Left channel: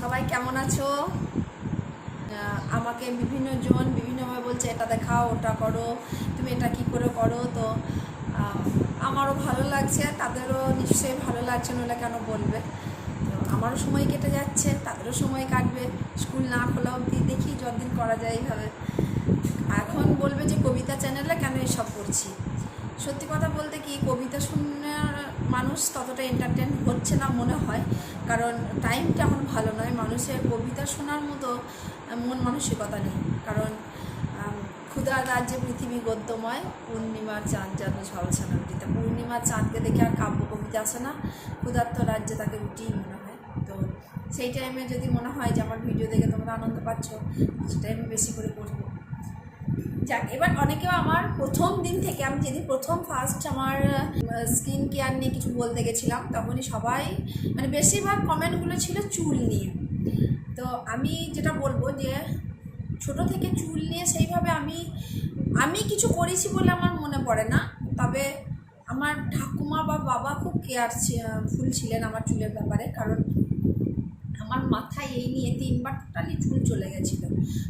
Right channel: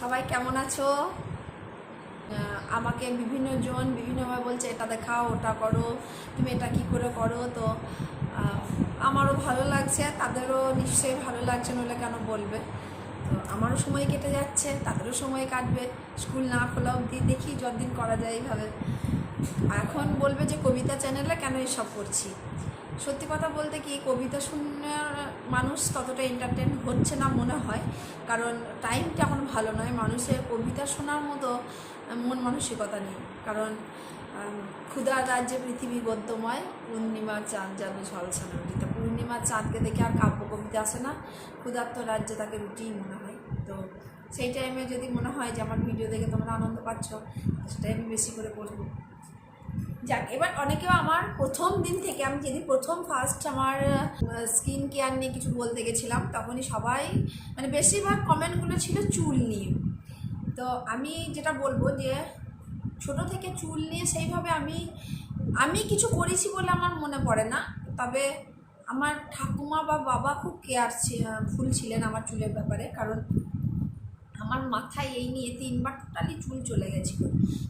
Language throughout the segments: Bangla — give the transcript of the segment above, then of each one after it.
সবাই কেমন আছো? আমাকে বিভিন্ন জন বিভিন্নভাবে বলছে, এটা দেখাও, ওটা করো, তুমি এটা কি করে করো? তো আমারও ভালো লাগছে, তাদেরও নিশ্চয়ই ভালো লাগছে, নইলে কেন বলবে? তো, আমারও সময় কেটে যাচ্ছে, তাদেরও সময় কাটবে। স্কুল না খোলা অবধি দেখি যতদিন করা যায় এইভাবে। এখন বলবে যে কবিতা চ্যানেলে কেন এসব করছি? সত্যি কথা বলতে কি কবিতা শুনে মানুষ ততটা এন্টারটেন হচ্ছে না মনে হয়। কারণ টাইমটা এখন ভালো নয়। মানুষের কবিতা শোনার মতো মন মানসিকতা নেই। কারণ আম, ক্ষুধার রাজ্যে পৃথিবী গদ্যময় পূর্ণিমার চাঁদ যেন ঝলসানো রুটিতে পূর্ণিমার চাঁদকে দেখে আর কাব্য কবিতা আসে না। ক্ষুধার্ত রাজ্যে তাকে রুটিই মনে হয়। তো সেই টাইমে যদি মনে হয় যে আমার ভিডিও দেখে তোমরা আনন্দ পাচ্ছ সেটাই আমি বেশি করে করব যাক, এবার অনেকেও আমার প্রথম দিন থেকে, আমি যেদিন প্রথম ফার্স্ট আমার স্কিন কেয়ার নিয়ে কিছু বলতে গেছিলাম, তখনই সবাই মানে বেশিরভাগ কমেন্টগুলো ছিল চুল নিয়ে। তো আমি যেটা বলব যে, ছোট থেকে চুল নিয়ে সেইভাবে আমি আমি কিছু করেছি বলে আমার মনে পড়ে না, তবে আমার ঠাকুমা বা বাবা খুব কেয়ার ফুল ছিলেন আমার চুলের ব্যাপারে, কারণ আমার মাথায় এই নিয়ে তিনবার টোটালি চুল চলে গেছিল।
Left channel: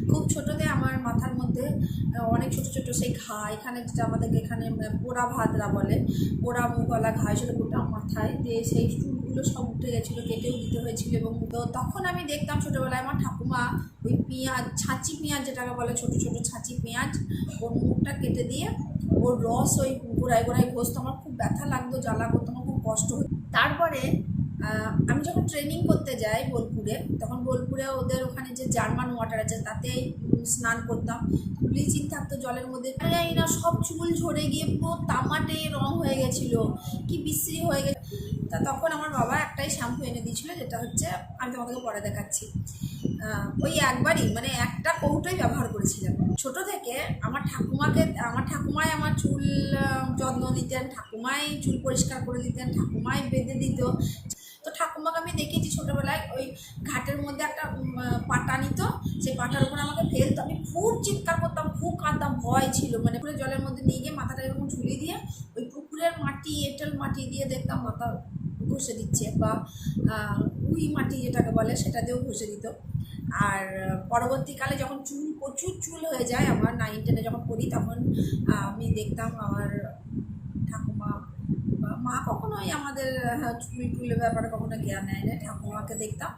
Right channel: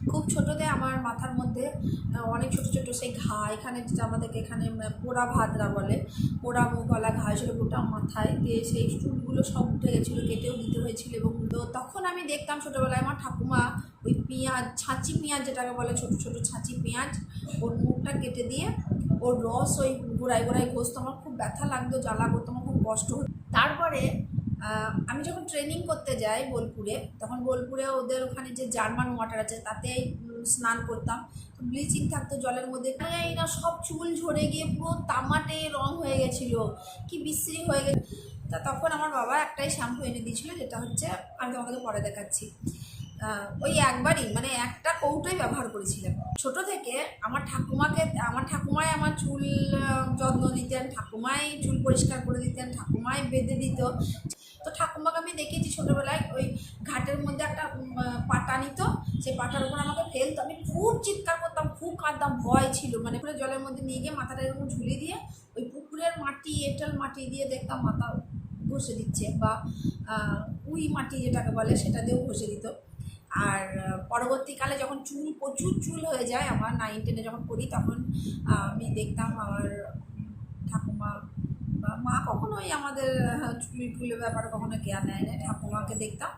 খুব ছোটোতে আমার মাথার মধ্যে অনেক ছোট ছোট সেই ঘা, এখানে যেটা আমাদেরকে এখানে পোড়া ভাতরা বলে, পোড়া মুখওয়ালা ঘা হয়েছিল গোটা মাথায় দিয়ে সেই চুলগুলো সব উঠে গেছিল, কেটেও দিতে হয়েছিল এবং তো তখন আমি দেখতাম ছোটোবেলায় আমার ঠাকুমা ওই পেঁয়াজ, ছাঁচি পেঁয়াজ যেটাকে বলে, ছোট ছোট ছাঁচি পেঁয়াজ, ওর মুখটা কেটে দিয়ে ওর রস ওই গোড়ায় গোড়ায় ঘষতো, আমার খুব ব্যথা লাগতো, জ্বালা করতো, আমার খুব কষ্ট হতো। তারপরে আমি যখন ট্রেনিং করতে যাই বোলপুরে, তখন বোলপুরে ওদের ওখানে যে জার্মান ওয়াটার আছে তাতে স্নান করতাম। ব্লিচিং থাকতো জলের মধ্যে। জানি না, সব চুল ঝরে গিয়ে পুরো তামাটে রং হয়ে গেছিল। কি বিশ্রী হয়ে গেছে। তা তখন আমার বাবা একটাই শ্যাম্পু এনে দিয়েছিলো, যেটা হচ্ছে, আমি তোমাকে পরে দেখাচ্ছি। ওই একবারই মানে একটা কৌটোই ব্যবহার করেছিলাম। ছোট থেকে আমার ঠাকুমাকে, আমার ঠাকুমাই আমার চুল যত্ন দিতেন ঠাকুমাই চুল পরিষ্কার করে দিতেন, ঠাকুমাই বেঁধে দিত। তো ঠাকুমাকে আমি দেখেছি ছোটোবেলায়, ওই ঘাটের মধ্যে একটা পাটা নিত, সেই পাটার উপর আমাকে ফেলতো। আমি খুব চিৎকার করতাম, খুব কাঁদতাম, ভয় ছিল। মানে পুরো জলের মধ্যে নিয়ে গিয়ে মাথাটা এরকম ঝুলিয়ে দিয়ে, ওই পুকুরের মাটি, এঁটেল মাটি দিয়ে দেখতাম মাথা ঘষে দিচ্ছে, বা উই মাটি যেটাকে বলে, সেটা দিয়েও ঘষে দিত। আর পরবর্তীকালে যখন চুল, প্রচুর চুল হয়ে যায়, আমার নাইন টেনে যখন পড়ি, তখন আমি দেখতাম আমার মা কখনোই আমাদের আহ, চুল টুলের ব্যাপারে কখনো কেয়ার নেয় না ঠাকুমাকে দেখতাম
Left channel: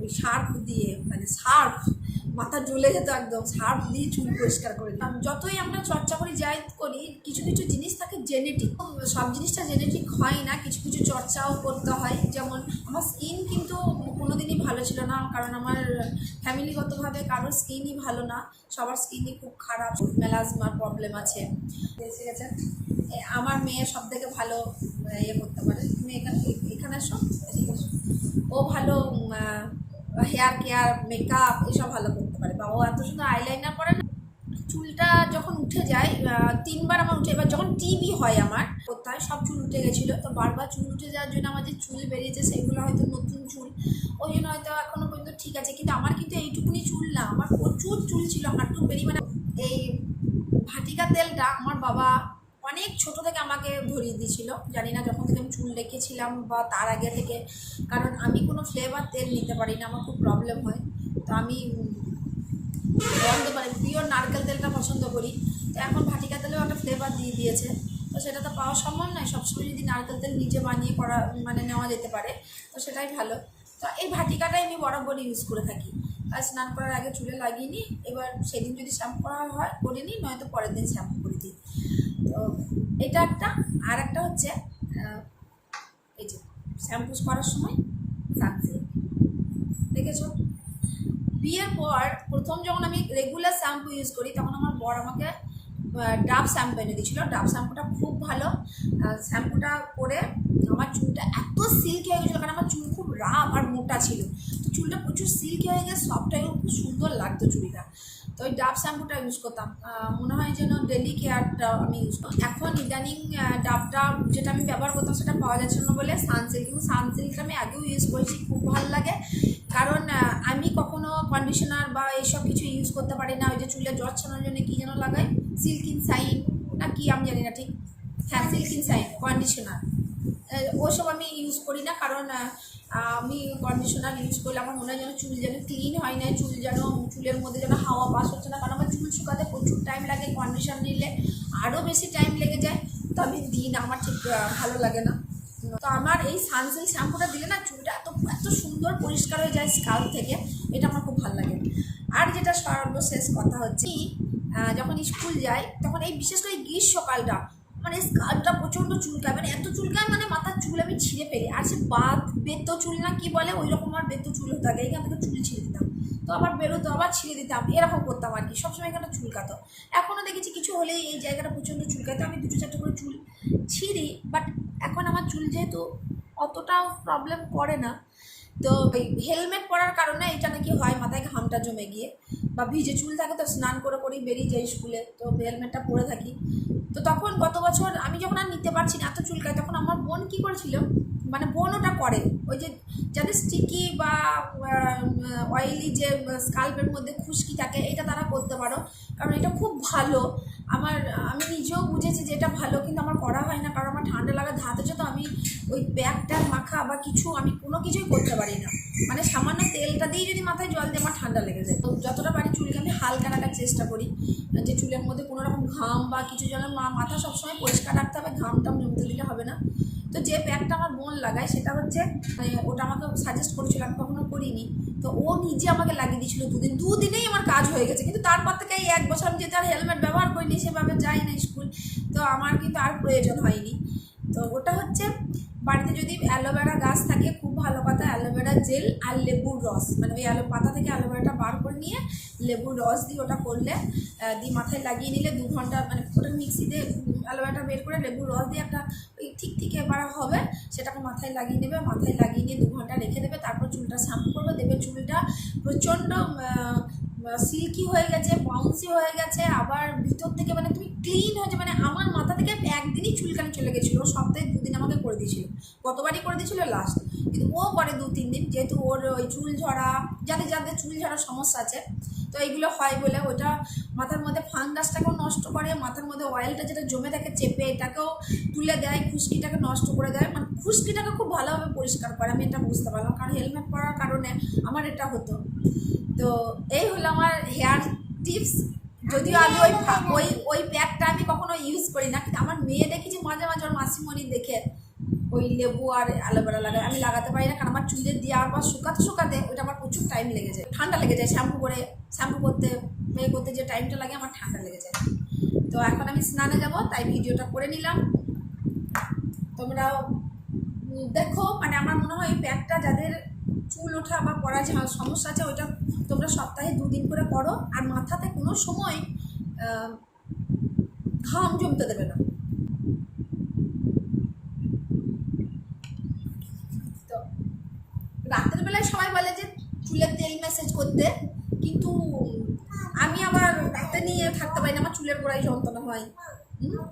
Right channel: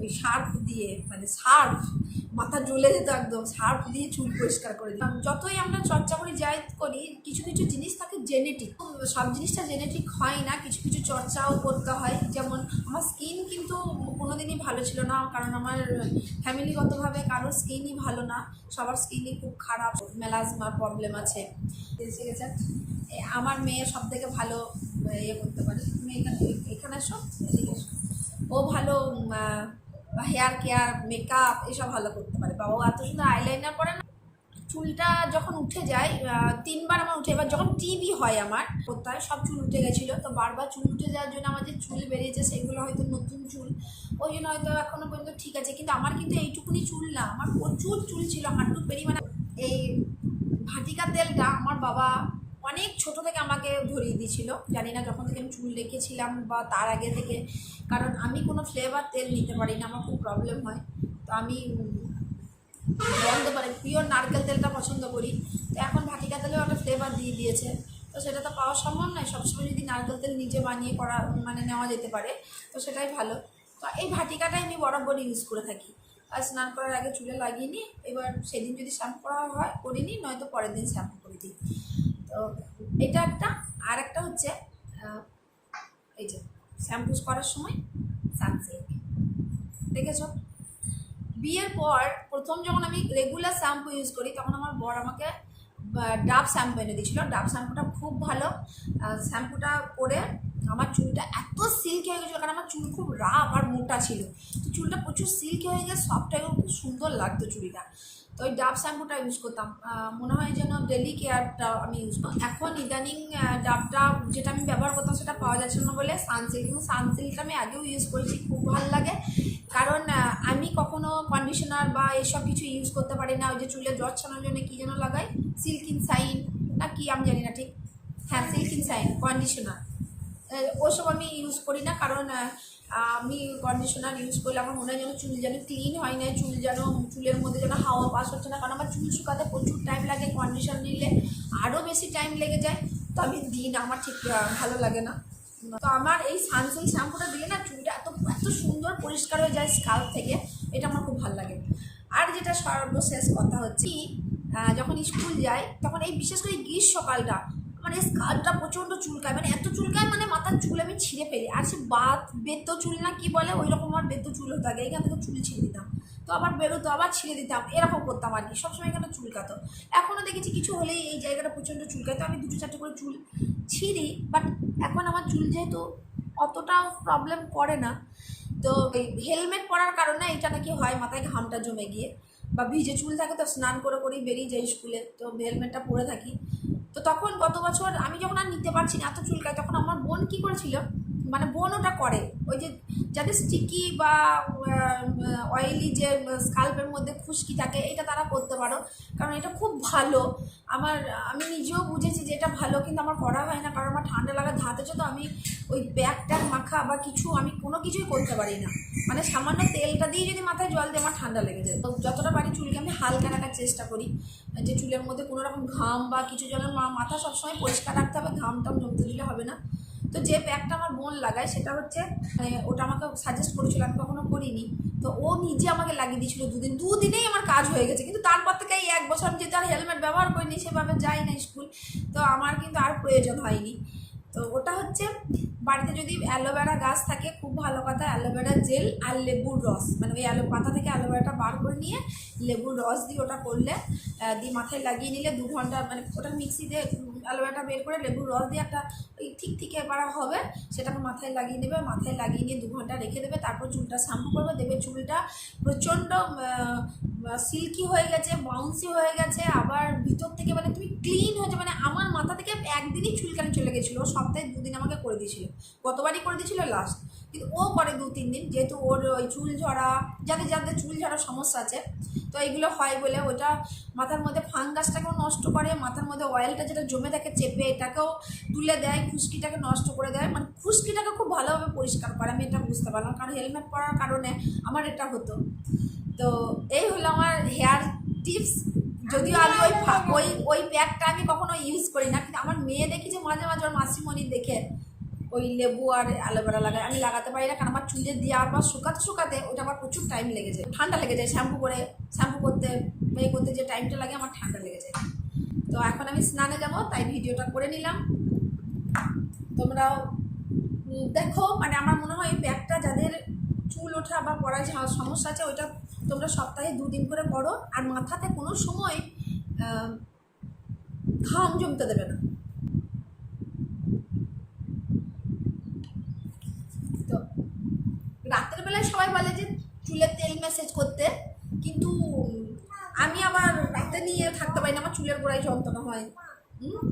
ওই সার্ফ দিয়ে মানে সার্ফ মাথা জ্বলে যেত একদম সার্ফ দিয়ে চুল পরিষ্কার করে দিতাম। যতই আমরা চর্চা করি যাই করি কিছু কিছু জিনিস থাকে জেনেটিক সব জিনিসটা জেনেটিক হয় না কিছু কিছু চর্চাও করতে হয়। যেমন আমার স্কিন কিন্তু কোনোদিনই ভালো ছিল না কারণ আমার ফ্যামিলিগতভাবে কারোর স্কিনই ভালো না। সবার স্কিনই খুব খারাপ। মেলাজমার প্রবলেম আছে। এসে গেছেন আমার মেয়ে সব থেকে ভালো ইয়ে করতে পারে। তুমি এখানে এখানে এসো, এদিকে এসো। ও ভালো হেয়ার কেয়ার মেকআপ এসব ভালো করতে পারে। বাবা এত সুন্দর আইলাইনার পরে না, চুলটা যখন উঠে যায় তিনবার আমার উঠে, এবার যখন টিভি হয় আমার, কোথায় সব চুল উঠে গেছিল। তো বারবার চুল উঠে যাওয়ার জন্য আমার যে চুল বেরিয়েছে, সেগুলো হয়তো নতুন চুল। ওই জন্য হয়তো এখনও পর্যন্ত ঠিক আছে। কিন্তু আমার কিন্তু এইটুকুনি চুল না। আমার প্রচুর চুল ছিল হাঁটু বেরিয়ে মানে এই ভাটিকা তেলটা আমার বাবা অনেক ছোট থেকে আমাকে ধরিয়ে দিয়েছিল। জানি না যখন থেকে আমি চুল রেখেছিলাম বা তার আগে থেকে। কারণ আমি কোনো ফ্লেভার তেল নিতে পারি না, আমার খুব প্রবলেম হয়। তো আমি বন্ধ মানে পিওর নারকেল তেলটা পছন্দ করি। তো এখন ভাটিকা তেলেও একটা ফ্লেভার দিয়ে দিয়েছে। তো সেটা তো পাওয়া সম্ভব নয়। সবসময় যদি নারকেল তেল নিজে বানিয়ে করা মানে নেওয়া যেতে পারে, তো সেটাই ভালো। তো এই ভাটিকাটাই আমি বরাবর ইউজ করে থাকি। আর স্নান করার আগে চুলে লাগিয়ে নিই। এবার সেদিন যদি শ্যাম্পু করা হয়, করে নিই, নয়তো পরের দিন শ্যাম্পু তো এটা একটা। আর একটা হচ্ছে এই যে শ্যাম্পু করার সময় সানসিল্ক দেখেছ? বিয়ের পর প্রথম যখন আমি রেগুলার শ্যাম্পু ইউজ করি, তখন আমার বর আমাকে ডাব শ্যাম্পু এনে দিয়েছিল। ডাব শ্যাম্পুটা খুব ভালো। শ্যাম্পুটা করে আমার চুলটা এত সিল্কি হয়ে গেছিল, কারণ আমার চুল খুব রাফ আর মোটা ছিল। তো চুলটা প্রচুর সিল্কি হয়ে গেছে হয়ে খুব সুন্দর লাগতো চুলটা। তো ওই ডাব শ্যাম্পুটা ইউজ করতাম। মনে হয় যেন ডেলি কেয়ারটা আমি ইউজ করতাম এখন ইদানিং ডাবটা যেটা আমি ব্যবহার করতাম সেটা পাওয়া যাচ্ছে না বলে সানসিল্ক কিন্তু সানসিল্কটা আমি আগেও ইউজ করেছি, খুব ভালো লাগে। কারণ আমি কখনো কন্ডিশনার বা এইসব কিছু ইউজ করতে পারি না। ওই যে চুলে জ্বর ছাড়ানোর জন্য কী যেন লাগাই? সিল্কিন সাইন না কি আমি জানি না ঠিক? হ্যাঁ সিল্কিন সাইন কন্ডিশনার ওসব আমি ইউজ করি না, কারণ আমি কন্ডিশনার ইউজ করলে আমার মনে হয় যেন চুল যেন ক্লিন হয় না চুল যেন, চুলের মধ্যে যেন হাওয়া পাস হচ্ছে না, কারণ আমার চুল শুকাতে প্রচুর টাইম লাগে কন্ডিশন নিলে আরও বেশি টাইম লেগে যায়, তো আমি দিই না, আমার ঠিক ভালো লাগে না। তো আমার এই সানসিল্ক শ্যাম্পুটা দিলে না চুলটা এত এত সুন্দর পরিষ্কার হয়ে যায় স্কাল্প থেকে, এটা আমার খুব ভালো লাগে। আর যেটা সর্বশেষ কথা হচ্ছে যখন স্কুল যাই তখন এই বিশেষ করে গ্রীষ্মকালটা মানে স্কাল্পটা প্রচণ্ড চুলকায় মানে এত চুলকায় মানে মাথার চুল আমি ছিঁড়ে ফেলি। আর সে বাত বেতো চুল না কি বলে ওই রকম আমার বেতো চুল হতো আগে, এখান থেকে চুল ছিঁড়ে দিতাম। তো আবার বেরোতো, আবার ছিঁড়ে দিতাম, এরকম করতাম আর কি, সবসময় এখানে চুলকাতো এখনও দেখেছি কিছু হলেই এই জায়গাটা প্রচণ্ড চুলকায় তো আমি দুটো চারটে করে চুল ছিঁড়ি বাট এখন আমার চুল যেহেতু অতটাও প্রবলেম করে না, তো হেলমেট পরার কারণে এটা নাকি হয় মাথায় ঘামটা জমে গিয়ে। বা ভিজে চুল থাকে তো স্নান করে করেই বেরিয়ে যাই স্কুলে, তো হেলমেটটা পরে থাকি। তো তখন গত বছর আমি যখন আর নিতে পারছি না, এত চুলকায় তখন আমার বোন কি করেছিল মানে বনওটা করে। ওই যে যাদের স্টিকি বা অয়েলি যে স্কাল্পের মধ্যে খুশকি থাকে, এটা তারা করতে পারো। কারণ এটা খুব ভালো। আমার, আমি নিজেও বুঝেছি যে এটা ভালো, কিন্তু আমার করা হয় না। কারণ আমার ঠান্ডা লাগার ধাতে হচ্ছে তো আমি ওই ব্যাগ ট্যাগ মাখা বা কিছু, আমি কোনো কিছুই করতে পারি না। মানে সামান্য তেলটা দিয়ে যদি মাথায় জল দিয়ে আমার ঠান্ডা লেগে যায়। যতটা পারি চুলকে আমি হালকা রাখার চেষ্টা করি। যে চুলের মধ্যে কোনো রকম ঘাম বা কিছু জলের মাথা সবসময় পরিষ্কার রাখতে হবে ঘাম টাম জমতে দিলে হবে না। তো যে ব্যাগটা আমার মন লাগায় সেটা হচ্ছে মানে ওটা আমাকে সাজেস্ট করেছিল, আমি কখনো করিনি। তো ও নিজে আমাকে লাগিয়ে দিয়েছিল দুদিন। দুদিনেই আমার কাজ হয়ে গেছে। কিন্তু তারপর থেকে এই এক বছর আমি আর হেলমেট ব্যবহার করিনি, সেভাবে যাই না স্কুল তো আমার কিন্তু আর প্রয়োজন হয়নি। তো ওটা হচ্ছে বাড়িতে যদি অ্যালোভেরা গাছ থাকে, খুব ভালো কথা, অ্যালোভেরা জেল আর লেবুর রস। মানে ওই অ্যালো পাতা থেকে অ্যালোভেরাটা বার করে নিয়ে লেবুর রস দিয়ে ওটা করলে দিয়ে মাথায় লাগিয়ে নিলে দু ঘণ্টা মানে ওটা মিক্সিতে অ্যালোভেরাটা বের করে লেবুর রস দিয়ে একটা ওই ঠিক ঠিক এবার হবে, সেটাকে মাথায় লাগিয়ে নেবে, মাথায় লাগিয়ে নিয়ে দু ঘণ্টা রেখে দেবে, তারপর চুলটা শ্যাম্পু করবে দেবে চুলটা প্রচণ্ড সিল্কি হয়ে গেছে বাউন্সি হয়ে গেছে, আবার ভিতর থেকে মানে তুমি ক্লিন হয়েছে মানে আমার মাথা থেকে একদিনই চুলকানি চলে গেছিল সপ্তাহে দুদিন আমাকে করে দিয়েছিল কতবারই করে দিয়েছিল লাস্ট কিন্তু ও করে দু, তিন দিন, যেহেতু ওর ওই চুল ঝরা যাদের যাদের চুল ঝরার সমস্যা আছে, তো এইগুলো হয় বলে ওটা মাথার মধ্যে ফাঙ্গাসটাকেও নষ্ট করে, মাথার মধ্যে অয়েলটা যেটা জমে থাকে চেপে, এটাকেও তুলে দেয়, খুশকিটাকে নষ্ট করে দেয় মানে খুশকিটাকে খুব ভালোভাবে পরিষ্কার করে, আমি এটা বুঝতে পারলাম, কারণ হেলমেট পরার কারণে আমার এটা হতো। তো এই হলো আমার হেয়ার টিপস যদিও আমি ওই ওই ওই প্যাকটা আমি কখনো ইউজ করি না, কিন্তু আমার মেয়ে দেখেছি মাঝে মাঝে ওর মাসিমণি দেখে ওই লেবু আর অ্যালোভেরা লাগায়। আমি লাগাতে পারি না, কারণ আমার চুলে দেওয়ার পর শুকাতে শুকাতে ওইটা আমার প্রচুর টাইম লেগে যায়। ঠান্ডা লেগে যায় শ্যাম্পু করে শ্যাম্পু করতে, মেয়ে করতে যে টাইমটা লাগে আমার ঠান্ডা লেগে যায়। তো এখন আমি স্নানে যাব, তাই ভিডিওটা করে নিলাম। তোমরাও দেখো মানে আমার মনে হয় এই প্যাকটা যাদের চুল ওঠা বা পড়া যে সমস্যা আছে, ওইটা তোমরা সপ্তাহে দুদিন করে পড়ো, আর মাথাতে কোনো সময় ঘাম জমতে দেবে না তো রাতের বেলায় সবাই বলে যে, চুলের তেল ম্যাসেজ করতে, কিন্তু আমি আবার রাতে নিয়ে থাকতে পারি না, আমার চুলের গোড়ায় যন্ত্রণা হয় হুম?